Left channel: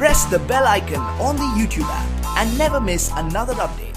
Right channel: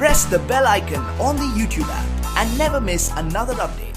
press the bell icon on the YouTube app and never miss another update.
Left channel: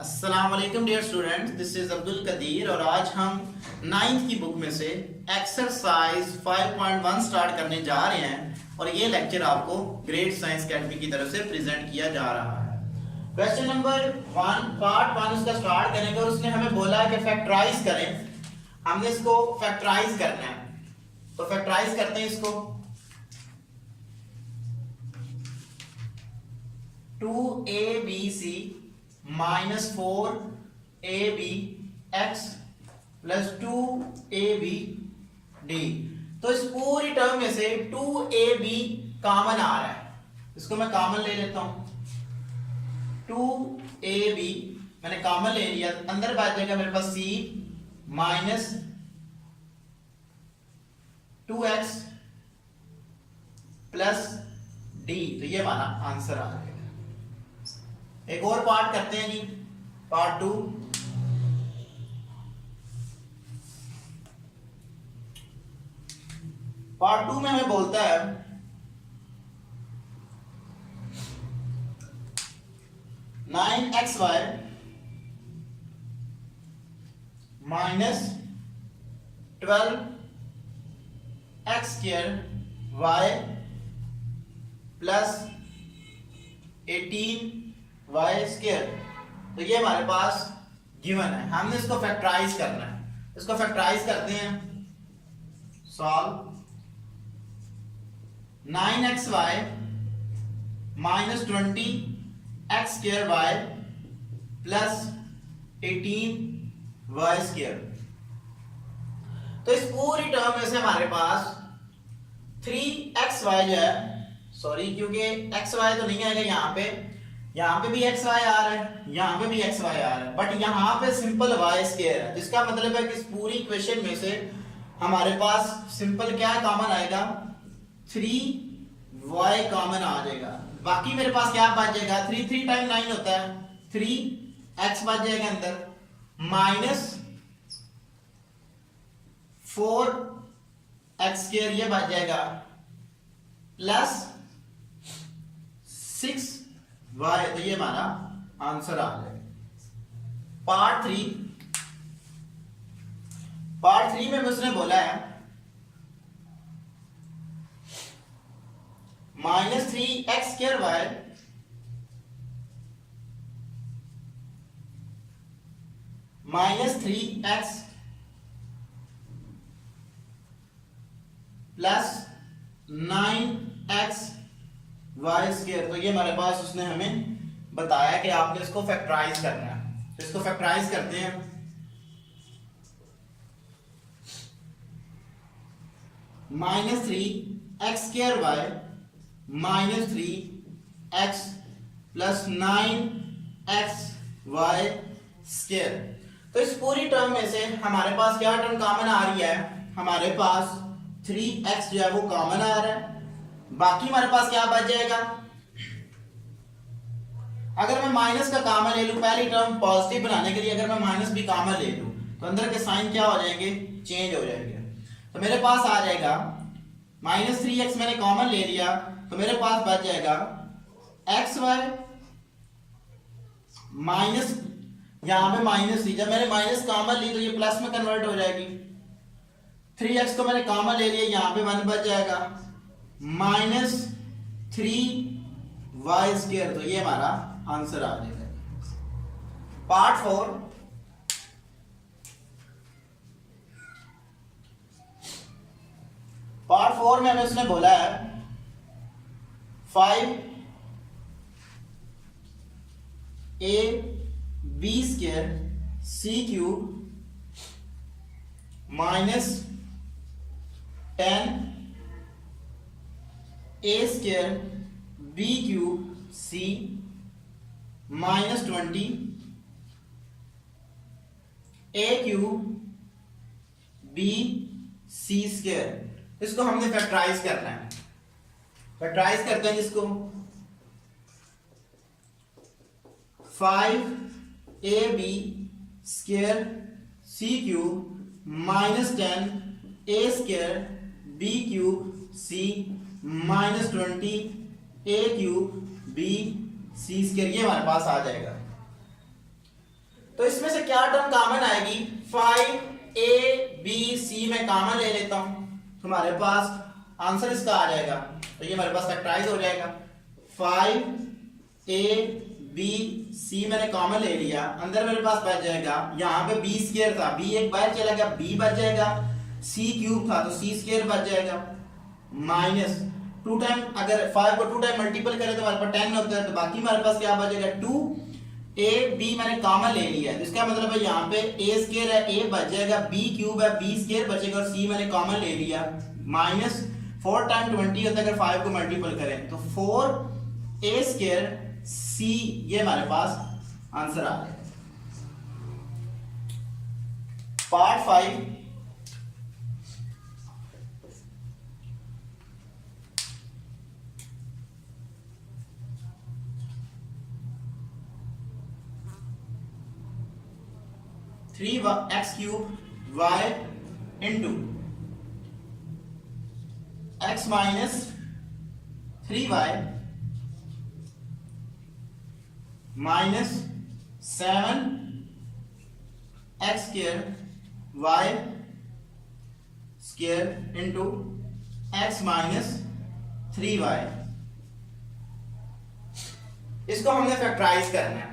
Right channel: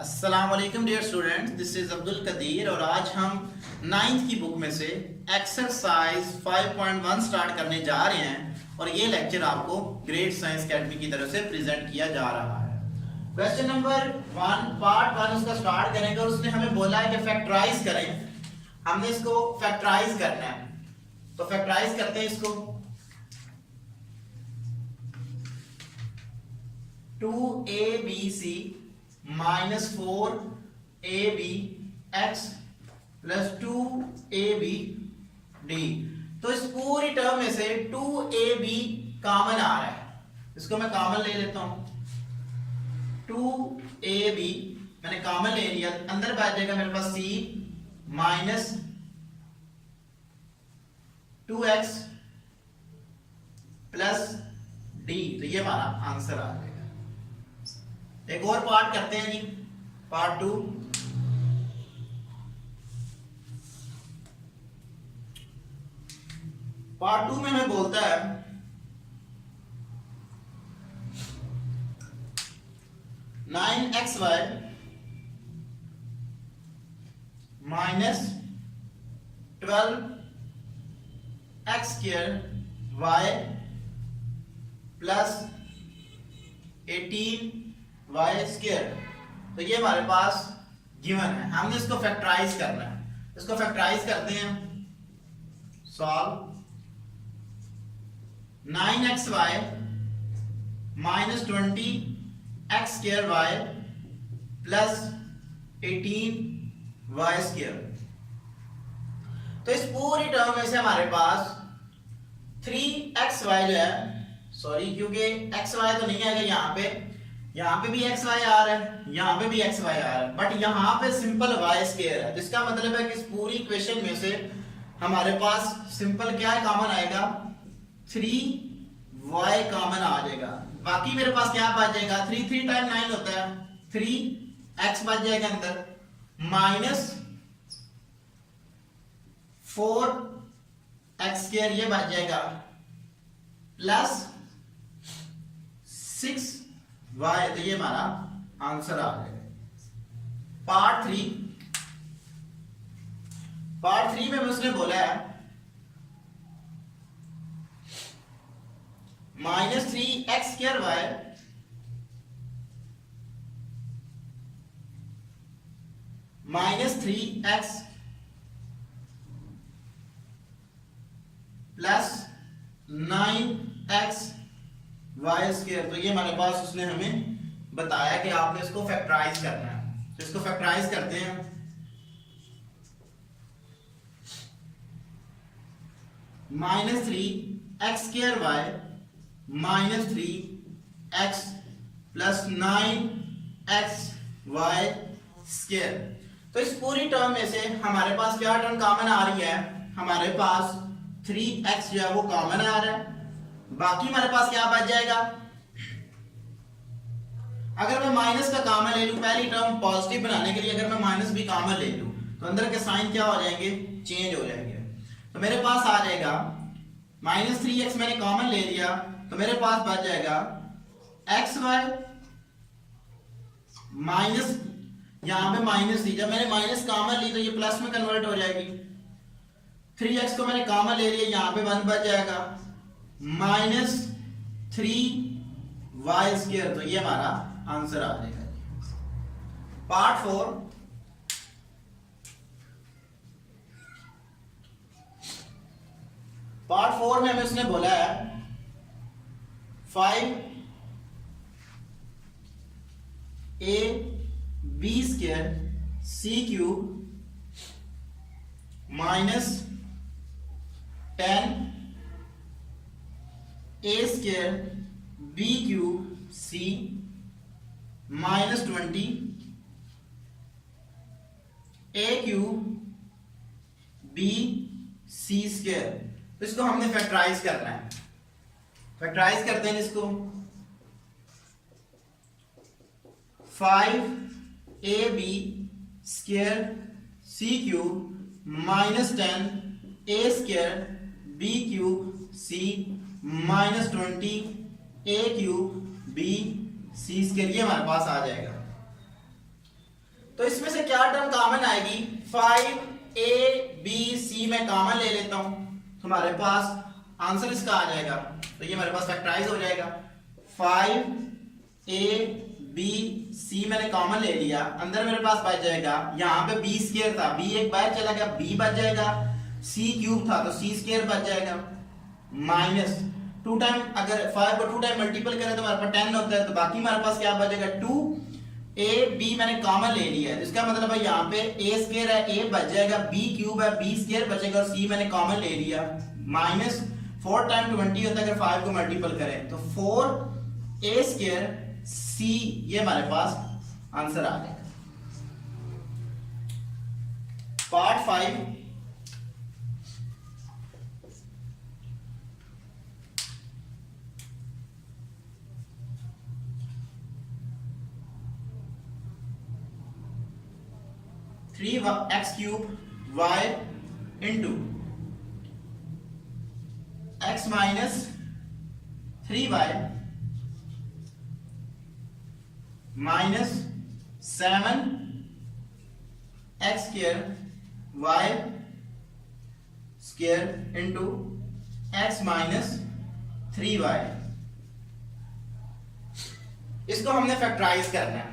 अस्सलाम वालेकुम dear students, this is Abdul Qadir और आज हम 9th की बुक में से एक्सरसाइज 5.1 स्टार्ट करने जा रहे हैं और ये लेक्चर आपको ग्रेट साइंस अकेडमी की तरफ से प्रेजेंट किया जा रहा है। क्वेश्चन नंबर 1 पार्ट 1 उसका स्टार्ट करेंगे और उसने हमें बोला है कि फैक्टराइज करें। हमने इसको फैक्टराइज करना है, तो फैक्टराइज करते हैं इसको। 2abc minus 4ab x plus 2ab d। तो इस पूरी टर्म में से 2ab कॉमन आ रहा है, इसको मैं कॉमन ले लेता हूं। 2ab मैंने कॉमन ले लिया, अंदर बच जाएगा मेरे पास c minus 2x plus d। तो ये हमारा आंसर आ गया। एक और पार्ट करते हैं जी, पार्ट 2। पार्ट 2 में हमें बोलता है 9xy minus 12x square y plus 18y square. तो ये हमारे पास गिवन है, हमने इसको फैक्टराइज करना है। इसको फैक्टराइज करते हैं। Solve 9xy minus 20x square y plus 18y square. तो इस पूरी टर्म में से हमारे पास 3xy जो है, सॉरी क्योंकि xy तो नहीं आएगा यहाँ पे भी xy आ रहा है, यहाँ पे भी xy आ रहा है, बट यहाँ पे सिंपल y स्क्वायर है, जिसका मतलब है कि इस पूरी इक्वेशन में से हमारे पास सिंपल क्या है, कॉमन आएगा 3y कॉमन आ जाएगा। बाकी मेरे पास क्या बच जाएगा, 3 टाइम 9 होता है, 3x बच जाएगा अंदर, माइनस 4x स्क्वायर ये बच जाएगा, प्लस 6y। तो ये हमारा आंसर आ जाएगा। पार्ट 3 में उसने बोला है minus 3x square y minus 3x plus 9x y square. तो ये हमारे पास उसने हमें बताया कि आपने इसको फैक्टराइज करना है। तो इसको फैक्टराइज करते हैं। Minus 3x square y minus 3x plus 9x y square. तो इस पूरी टर्म में से हमारे पास क्या टर्म कॉमन आ रही है, हमारे पास 3x जो है वो कॉमन आ रहा है। बाकी हमारे पास क्या बच जाएगा, अगर मैं माइनस का कॉमन ले लूं, पहली टर्म पॉजिटिव बनाने के लिए अगर मैं माइनस भी कॉमन ले लूं तो अंदर के साइन क्या हो जाएंगे, चेंज हो जाएंगे। तो मेरे पास आ जाएगा माइनस 3x मैंने कॉमन ले लिया, तो मेरे पास बच जाएगा xy माइनस, यहां पे माइनस थी, जब मैंने माइनस कॉमन ली तो ये प्लस में कन्वर्ट हो जाएगी। 3x को मैंने कॉमन ले लिया, यहां पे 1 बच जाएगा, माइनस 3y स्क्वायर। तो ये हमारा आंसर आ जाएगा। पार्ट 4 में हमें उसने बोला है 5ab square c cube minus 10 a square b cube c minus 20 a cube b c square. इसको हमने फैक्टराइज करना है। फैक्टराइज करते हैं जिसको 5ab स्क्वायर सी क्यूब माइनस 10 ए square B cube C minus 20 ए क्यूब बी सी स्क्वायर, ये हमारे पास आ जाएगा। तो इसमें से क्या टर्म कॉमन आएगी? 5 बी सी में कॉमन ले लेता हूं, तुम्हारे पास आंसर इसका आ जाएगा। तो ये हमारे पास फैक्टराइज हो जाएगा। 5 बी सी मैंने कॉमन ले लिया, अंदर मेरे पास बच जाएगा, यहाँ पे बी स्क्वायर था, बी एक बार चला गया, बी बच जाएगा, सी क्यूब था तो सी स्क्वायर बच जाएगा, माइनस 2 टाइम, अगर 5 को 2 टाइम मल्टीपल करें तो हमारे पास 10 होता है, तो बाकी हमारे पास क्या बचेगा 2 ए बी मैंने कॉमन ले लिया है, इसका मतलब है यहाँ पे ए स्क्वायर है, ए बच जाएगा, बी क्यूब है, बी स्क्वायर बचेगा और सी मैंने कॉमन ले लिया, माइनस 4 टाइम 20 होता है अगर 5 को मल्टीपल करें तो 4 ए स्क्वायर सी, ये हमारे पास आंसर आ जाएगा। Part 5 3x cube y into x minus 3y minus 7 x square y square into x minus 3y, इसको हमने फैक्टराइज करना है,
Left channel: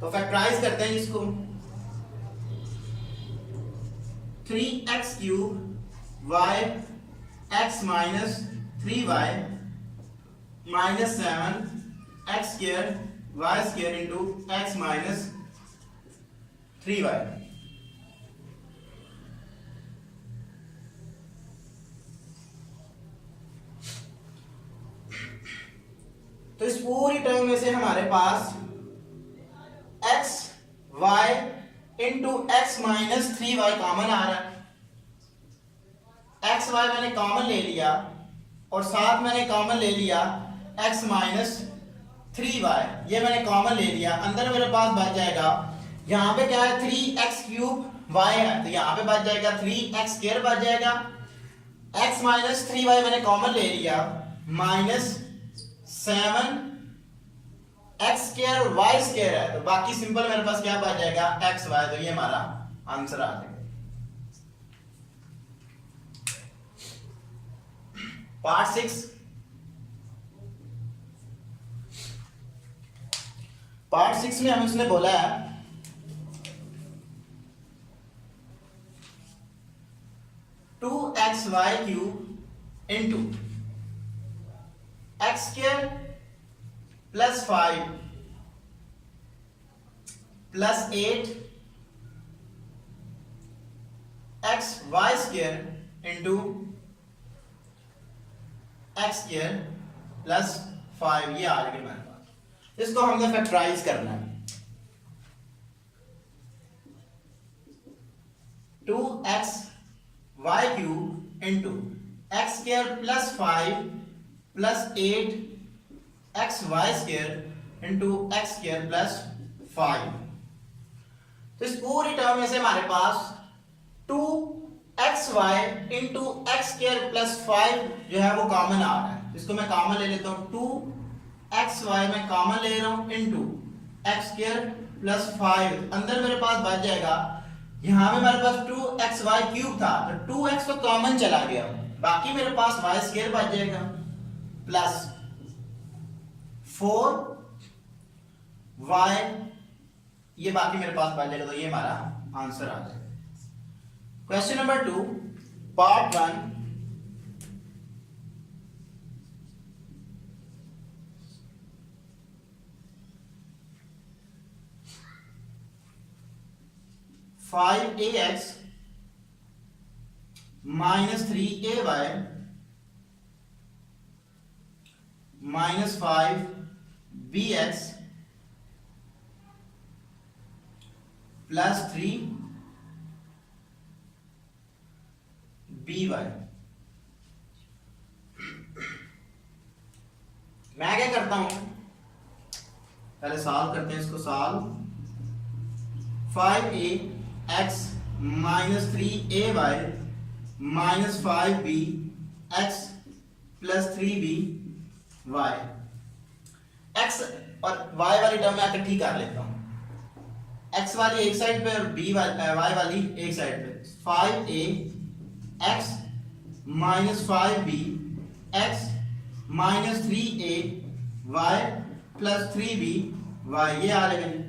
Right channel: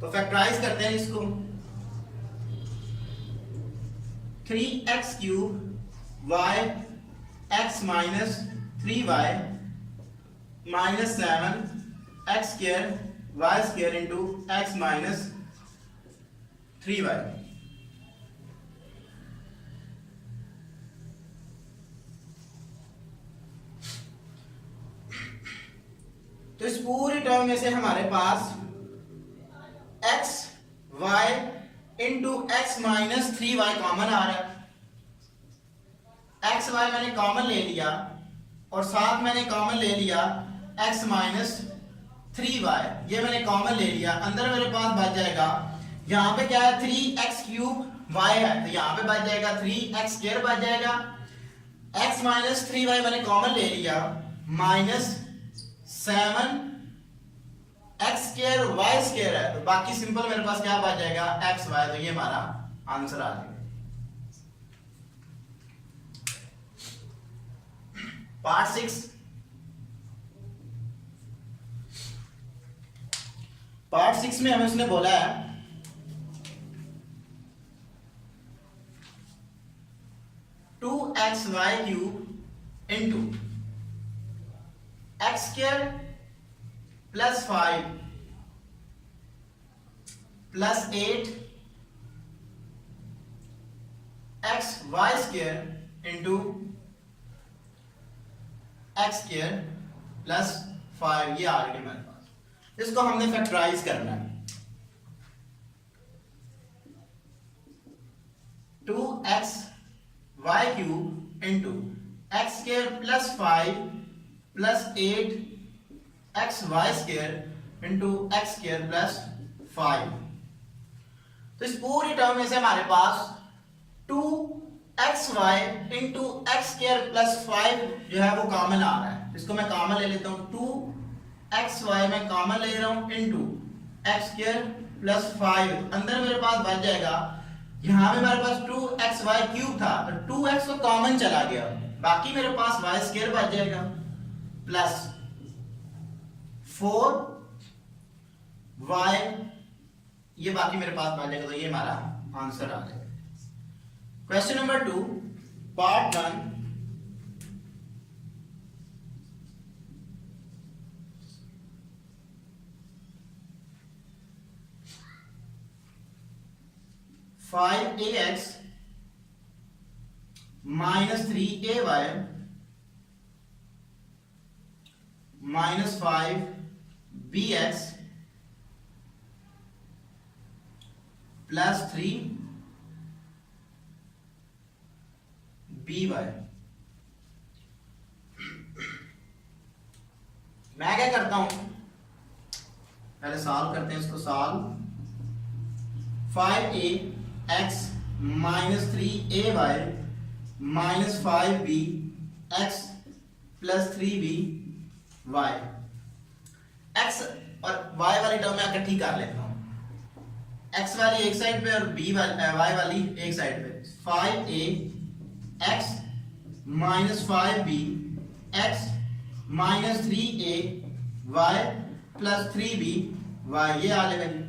तो फैक्टराइज करते हैं इसको। 3x cube y x minus 3y minus 7 x square y square into x minus 3y, तो इस पूरी टर्म में से हमारे पास x y into x minus 3y common आ रहा है। x y मैंने कॉमन ले लिया और साथ मैंने कॉमन ले लिया x माइनस 3y, ये मैंने कॉमन ले लिया, अंदर मेरे पास बच जाएगा, यहाँ पे क्या है 3x क्यूब y है तो यहाँ पे बच जाएगा 3x स्क्वायर बच जाएगा, x माइनस 3y मैंने कॉमन ले लिया, minus 7 x square y square है तो बाकी सिंपल मेरे पास क्या बच जाएगा x y, तो ये हमारा आंसर आ जाएगा। पार्ट 6, पार्ट 6 में हमें उसने बोला है 2xy cube into x square plus 5 plus 8 x y square into x square plus 5, ये आ गया मेरे पास, इसको हमने फैक्टराइज करना है। 2xy cube into x square plus 5 plus 8 x y square into x square plus 5, तो इस पूरी टर्म में से हमारे पास 2xy into x square plus 5 जो है वो कॉमन आ रहा है, इसको मैं कॉमन ले लेता हूँ, 2xy मैं कॉमन ले रहा हूँ इंटू एक्स स्क्वायर प्लस 5, अंदर मेरे पास बच जाएगा, यहाँ पे मेरे पास 2xy क्यूब था तो 2x तो कॉमन चला गया, बाकी मेरे पास y स्क्वायर बच जाएगा प्लस 4y, ये बाकी मेरे पास बच जाएगा, तो ये हमारा आंसर आ जाएगा। Question number 2 part 1, five A X minus 3ay minus 5bx plus 3by, मैं क्या करता हूं, पहले सॉल्व करते हैं इसको, solve 5a x minus 3ay minus 5b x plus 3b y। x और y वाली टर्म मैं इकट्ठी कर लेता हूँ, x वाली एक साइड पे और b वाली y वाली एक साइड पे। 5a x minus 5b x minus 3a y plus 3b y, ये आ जाएगा।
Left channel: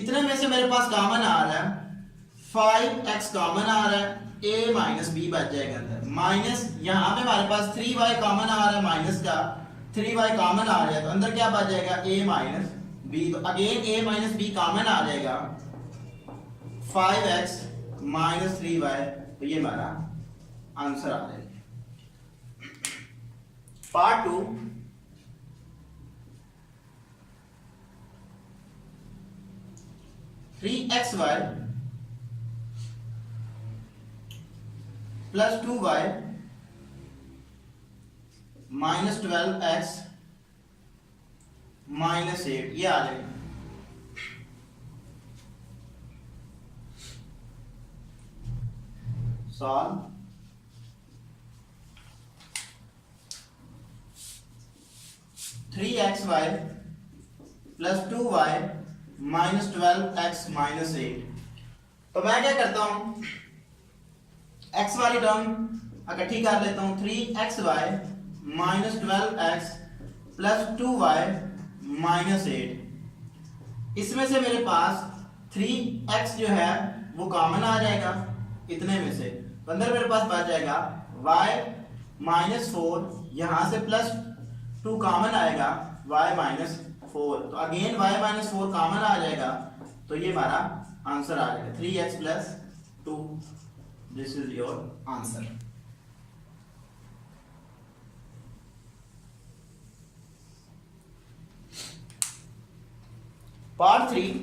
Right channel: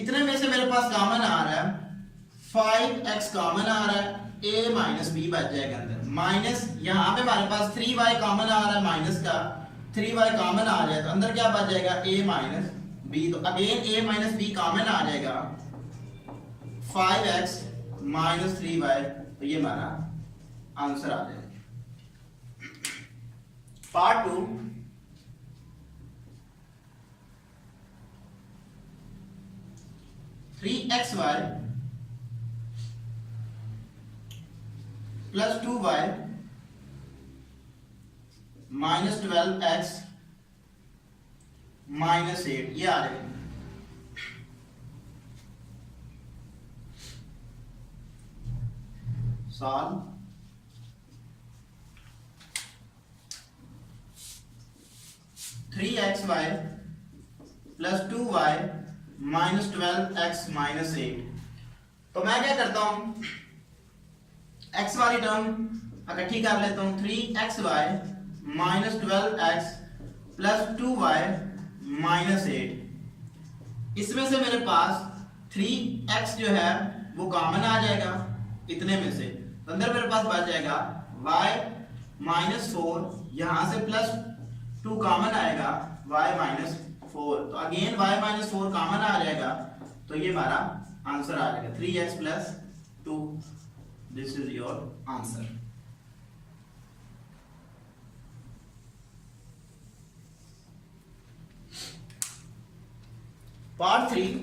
इतने में से मेरे पास कॉमन आ रहा है 5x कॉमन आ रहा है, a माइनस b बच जाएगा अंदर, माइनस यहाँ पे हमारे पास 3y कॉमन आ रहा है, माइनस का 3y कॉमन आ रहा है, तो अंदर क्या बच जाएगा a माइनस b। तो again a minus b common आ जाएगा, 5x माइनस 3y, तो ये हमारा आंसर आ जाएगा। Part 2, three x y plus 2y minus 12x minus 8, ये आ जाएगा। Solve. Three x y plus 2y minus 12x minus 8। तो मैं क्या करता हूं, x वाली टर्म इकट्ठी कर लेता हूं, 3xy minus 12x plus 2y minus 8। इसमें से मेरे पास 3x जो है वो कॉमन आ जाएगा इतने में से, तो अंदर मेरे पास बच जाएगा y माइनस 4, यहां से प्लस 2 कॉमन आएगा y माइनस 4, तो अगेन y माइनस 4 कॉमन आ जाएगा, तो ये हमारा आंसर आ जाएगा 3x plus 2। This is your answer. Part 3,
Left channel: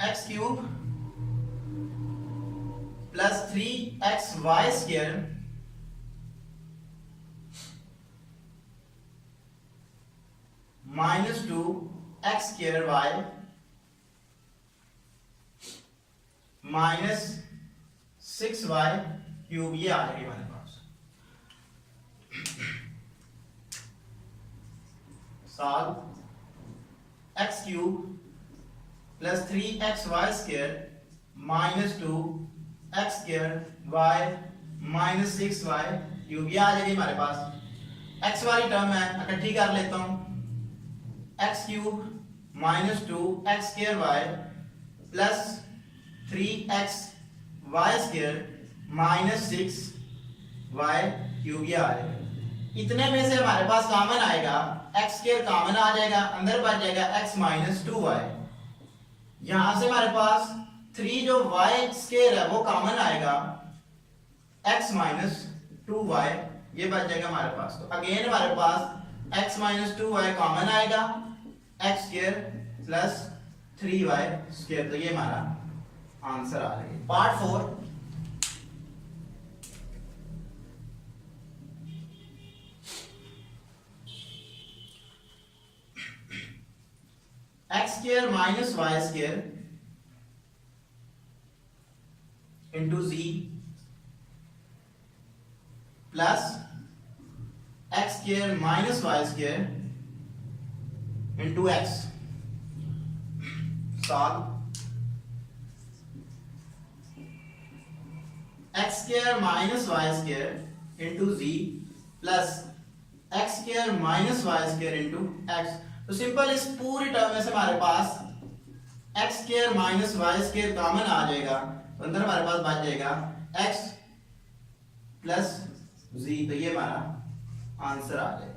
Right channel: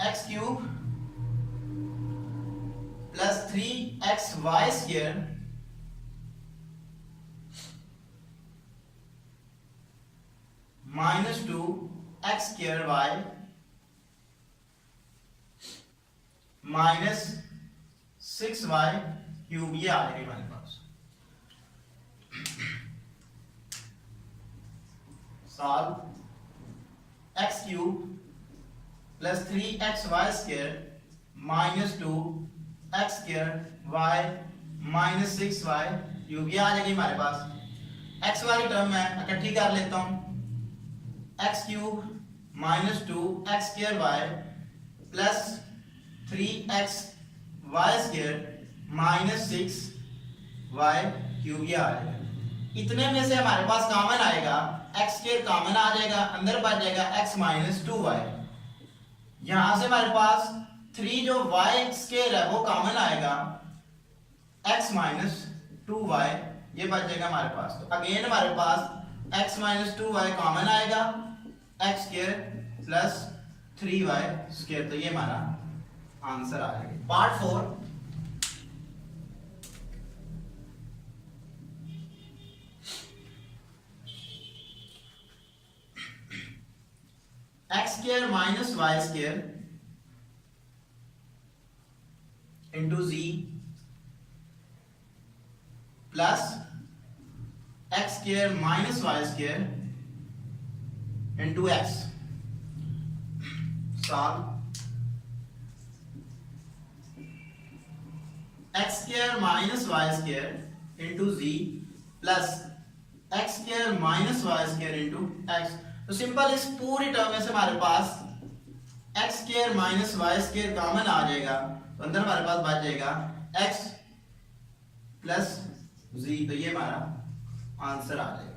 X cube plus 3xy square minus 2x square y minus 6y cube, ये आ जाएगी हमारे पास। Solve. X cube plus 3xy square minus 2x square y minus 6y cube, ये आ जाएगी हमारे पास। x वाली टर्म मैं इकट्ठी कर लेता हूं, x cube minus 2x square y plus 3x y square minus 6y cube, ये आ जाएगा। इतने में से हमारे पास कॉमन आएगा x स्क्वायर कॉमन आ जाएगा, अंदर बच जाएगा x माइनस 2y। यहां से हमारे पास 3 जो y स्क्वायर है वो कॉमन आएगा, x माइनस 2y, ये बच जाएगा हमारे पास। तो अगेन हमारे पास x माइनस 2y कॉमन आएगा, x square plus 3y square, तो ये हमारा आंसर आ जाएगा। Part 4, X square minus Y square into Z plus X square minus Y square into X. Solve. X square minus Y square into Z plus X square minus Y square into X. तो simple इस पूरी term में से हमारे पास X square minus Y square common आ जाएगा, तो अंदर हमारे पास बच जाएगा एक्स प्लस जी, तो ये हमारा आंसर आ जाएगा।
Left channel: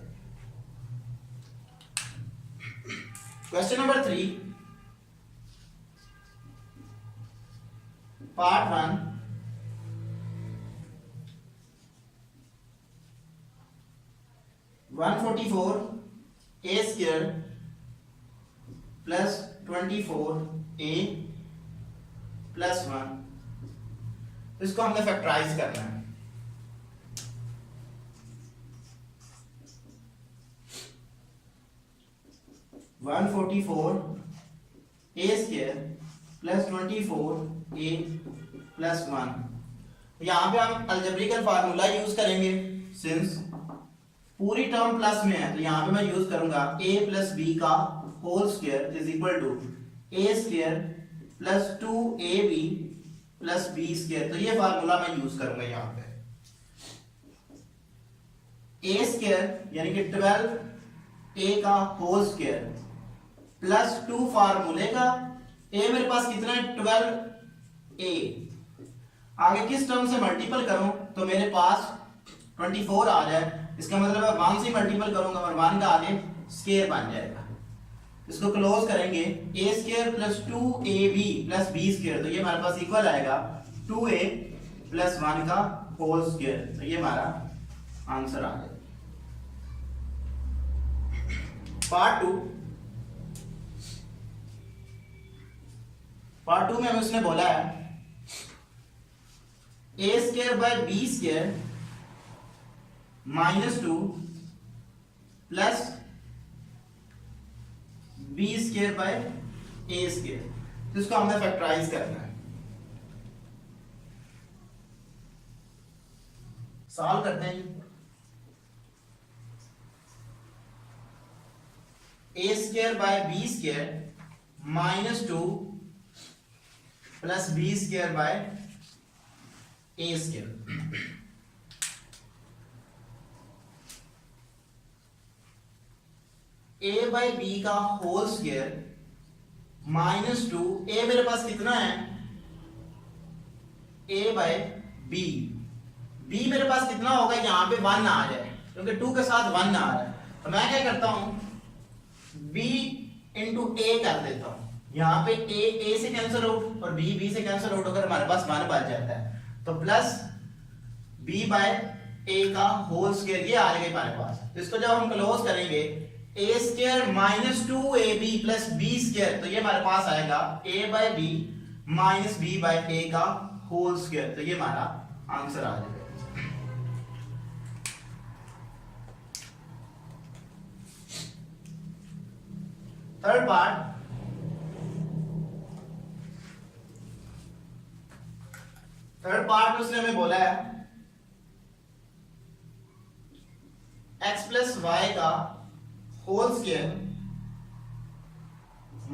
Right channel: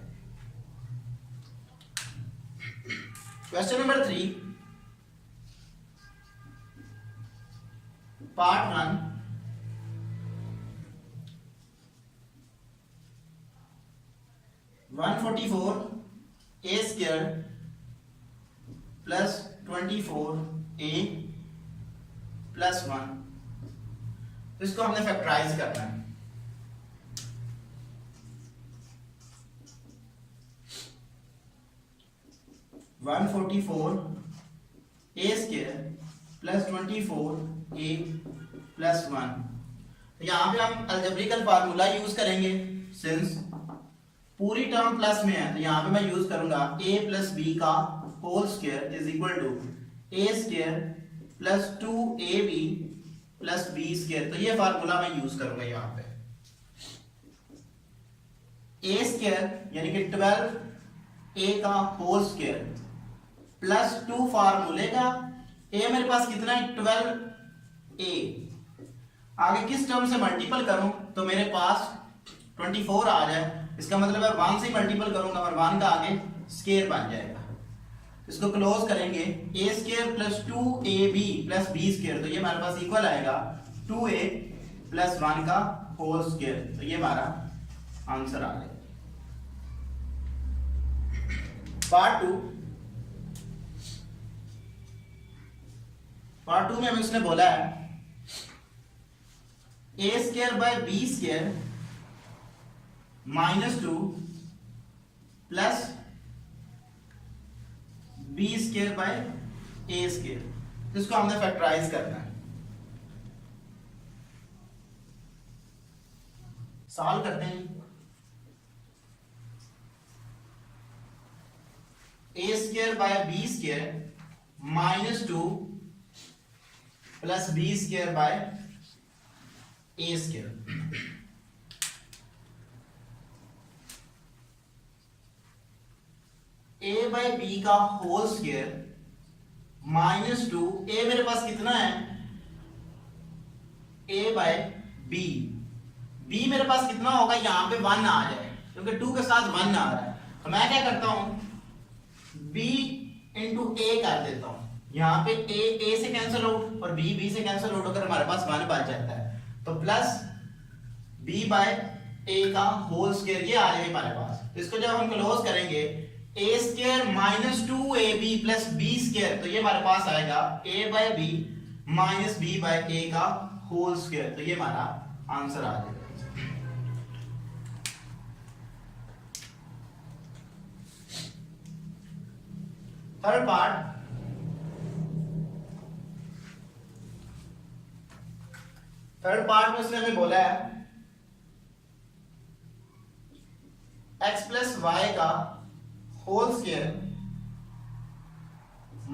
Question number 3, part 1, one 144 a square plus 24a plus 1, तो इसको हमने फैक्टराइज करना है। 144 a square plus 24 a plus 1। यहाँ पे हम अलजेब्रिकल फार्मूला यूज करेंगे, सिंस पूरी टर्म प्लस में है तो यहाँ पे मैं यूज करूंगा a प्लस b का whole square is equal to a square plus 2ab plus b square. तो ये फार्मूला मैं यूज करूंगा यहाँ पे। a स्क्वायर यानी कि 12a का होल स्क्वायर प्लस 2 फार्मूले का a मेरे पास कितना है 12a, आगे किस टर्म से मल्टीपल करूं तो मेरे पास 24 आ जाए, इसका मतलब है 1 से मल्टीपल करूंगा और 1 का आगे स्क्वायर बन जाएगा। इसको क्लोज करेंगे a square plus 2ab plus b square, तो ये हमारे पास इक्वल आएगा 2a प्लस 1 का होल स्क्वायर। तो ये हमारा आंसर आ गया। पार्ट 2 में हमें उसने बोला है a square by b square -2 plus b square by a square, तो इसको हमने फैक्टराइज करना है। सॉल्व करते हैं। a square by b square -2 plus b square by a square. a by b का होल स्क्वायर -2, a मेरे पास कितना है a बाई बी, b मेरे पास कितना होगा यहाँ पे 1 आ जाए क्योंकि 2 के साथ 1 आ रहा है, तो मैं क्या करता हूं b इंटू a कर देता हूं। यहाँ पे a से कैंसिल आउट और b से कैंसिल आउट होकर हमारे पास 1 बच जाता है, तो प्लस b बाय a का होल स्क्वायर ये आ जाएगा हमारे पास। इसको जब हम क्लोज करेंगे a square minus 2ab plus b square, तो ये हमारे पास आएगा a by b minus b by a का होल स्क्वायर, तो ये हमारा आंसर आ जाएगा। थर्ड पार्ट में उसने हमें बोला है x प्लस वाई का whole square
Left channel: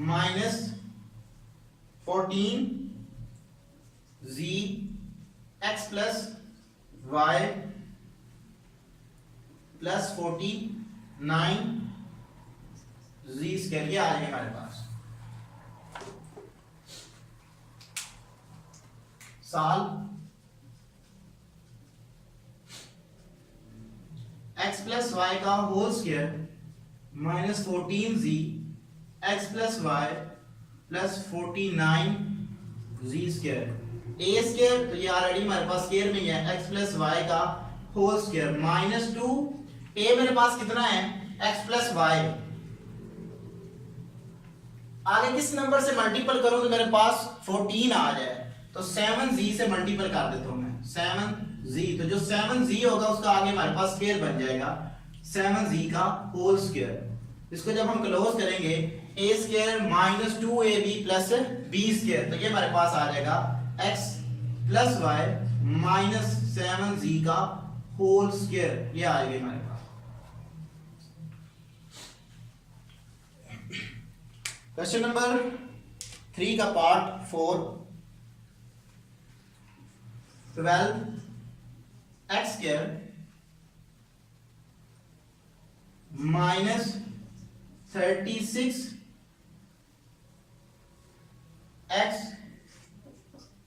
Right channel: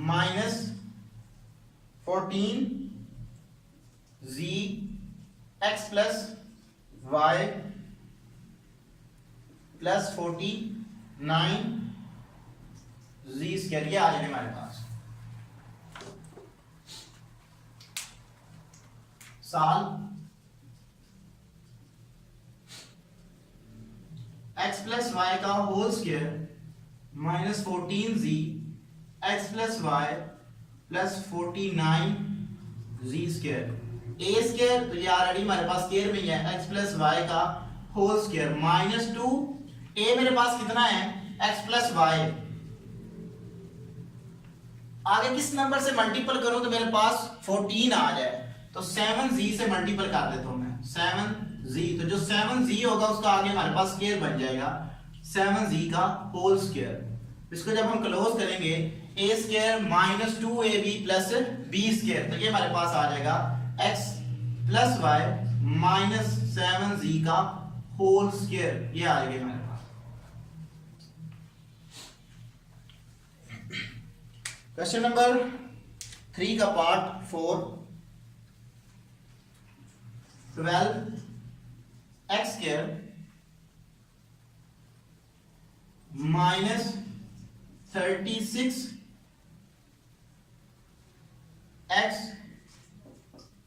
minus 14z x plus y plus 49z square, ये आ जाएगा हमारे पास। साल x प्लस वाई का whole square minus 14z x plus y plus 49z square, a square तो ये ऑलरेडी हमारे पास स्क्वायर में ही है, x प्लस वाई का होल स्क्वायर माइनस 2, a मेरे पास कितना है x प्लस वाई, आगे किस नंबर से मल्टीपल करूं तो मेरे पास 14 आ जाए, तो 7z से मल्टीपल कर देता हूं मैं 7z, तो जो 7z होगा उसका आगे हमारे पास स्क्वायर बन जाएगा 7z का होल स्क्वायर। इसको जब हम क्लोज करेंगे a square minus 2ab plus b square, तो ये हमारे पास आ जाएगा x plus Y minus 7z का होल स्क्वायर, ये आ जाएगा हमारे पास। क्वेश्चन नंबर 3 का part 4, 12x square minus 36x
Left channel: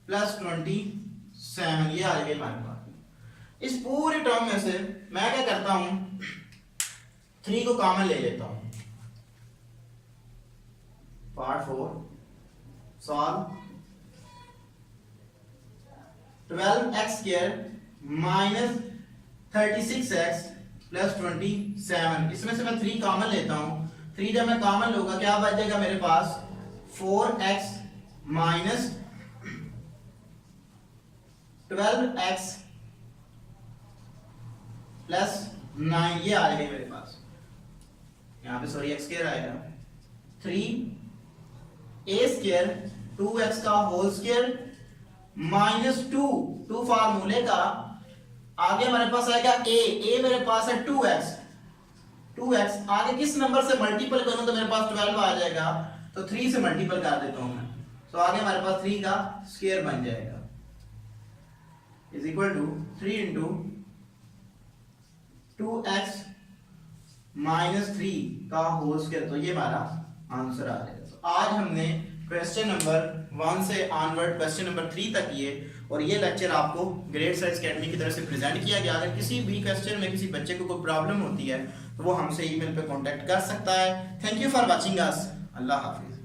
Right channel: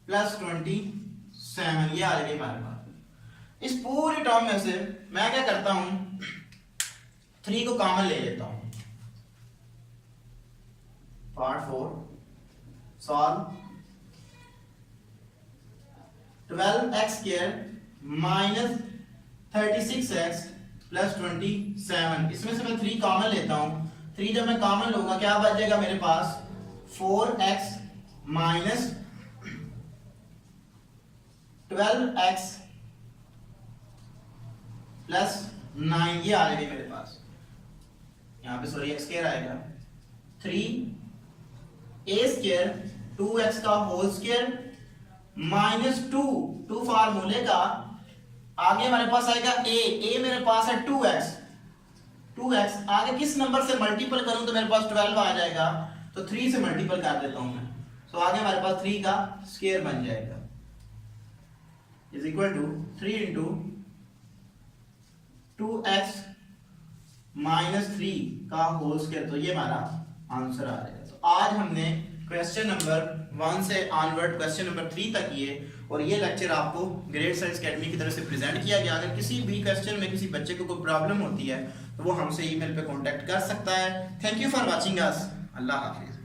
plus 27, ये आ जाएगा हमारे पास। इस पूरी टर्म में से मैं क्या करता हूं 3 को कॉमन ले लेता हूं। Part 4 solve 12x square minus 36x plus 27, इसमें से मैं 3 कॉमन लेता हूं। 3 जब मैं कॉमन लूंगा क्या बच जाएगा मेरे पास 4x माइनस 12x प्लस 9, ये आ जाएगा मेरे पास। यहाँ पे सॉरी x स्क्वायर आएगा 3a² 2x का होल स्क्वायर माइनस 2 फार्मूले का आगे हमारे पास आएगा a मेरे पास है 2x आगे किस नंबर से मल्टीपल करूं तो मेरे पास 12 आ जाएगा, तो 3 से मल्टीपल कर देता हूं मैं, तो आगे हमारे पास 3 का स्क्वायर बन जाएगा is equal to 3 into 2x minus 3 का होल स्क्वायर, तो ये हमारा आंसर आ जाएगा। तो आज हमने क्वेश्चन नंबर 1 से ऑनवर्ड क्वेश्चन नंबर 3 तक किए और ये लेक्चर आपको ग्रेड साइंस एकेडमी की तरफ से प्रेजेंट किया गया। अगर किसी भी क्वेश्चन में किसी बच्चे को कोई प्रॉब्लम होती है तो वो हमसे ईमेल पे कांटेक्ट कर सकता है। Thank you for watching us. Allah Hafiz.